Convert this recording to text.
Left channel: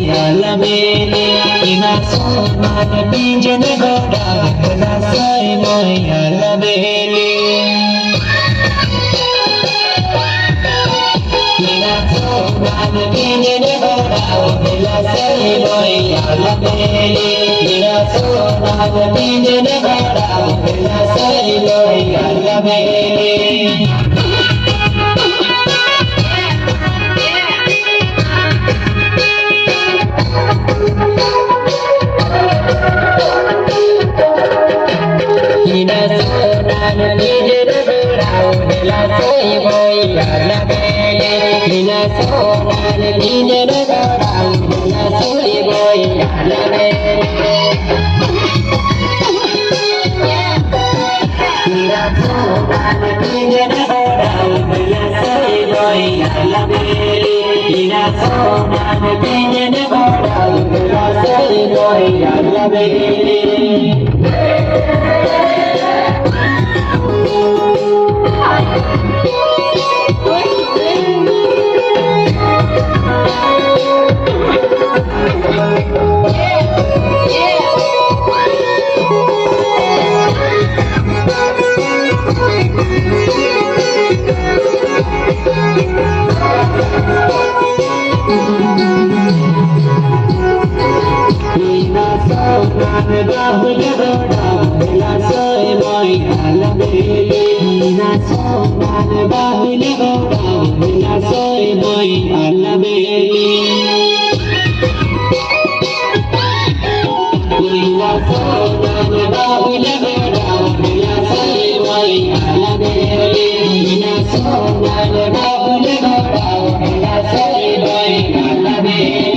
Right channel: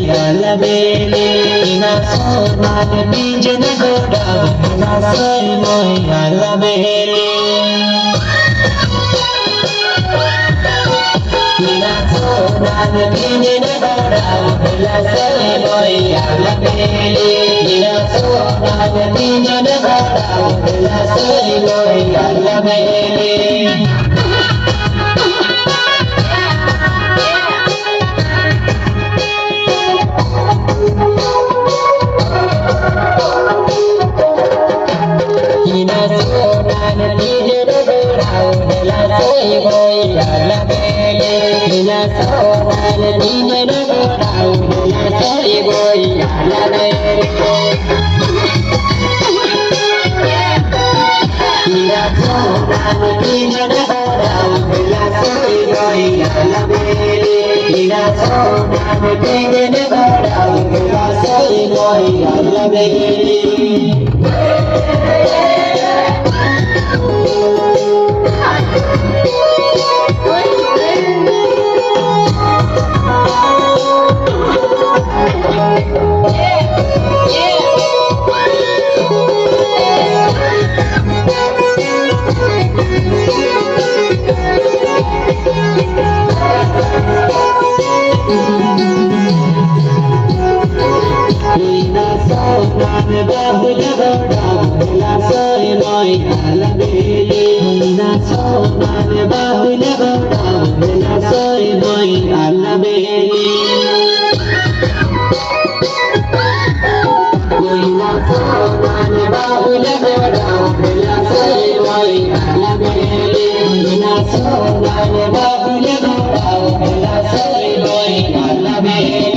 alabele ina sonal bijun goda na sai noi alabele ina sonal bijun goda na sai noi alabele ina sonal bijun goda na sai noi alabele Bye.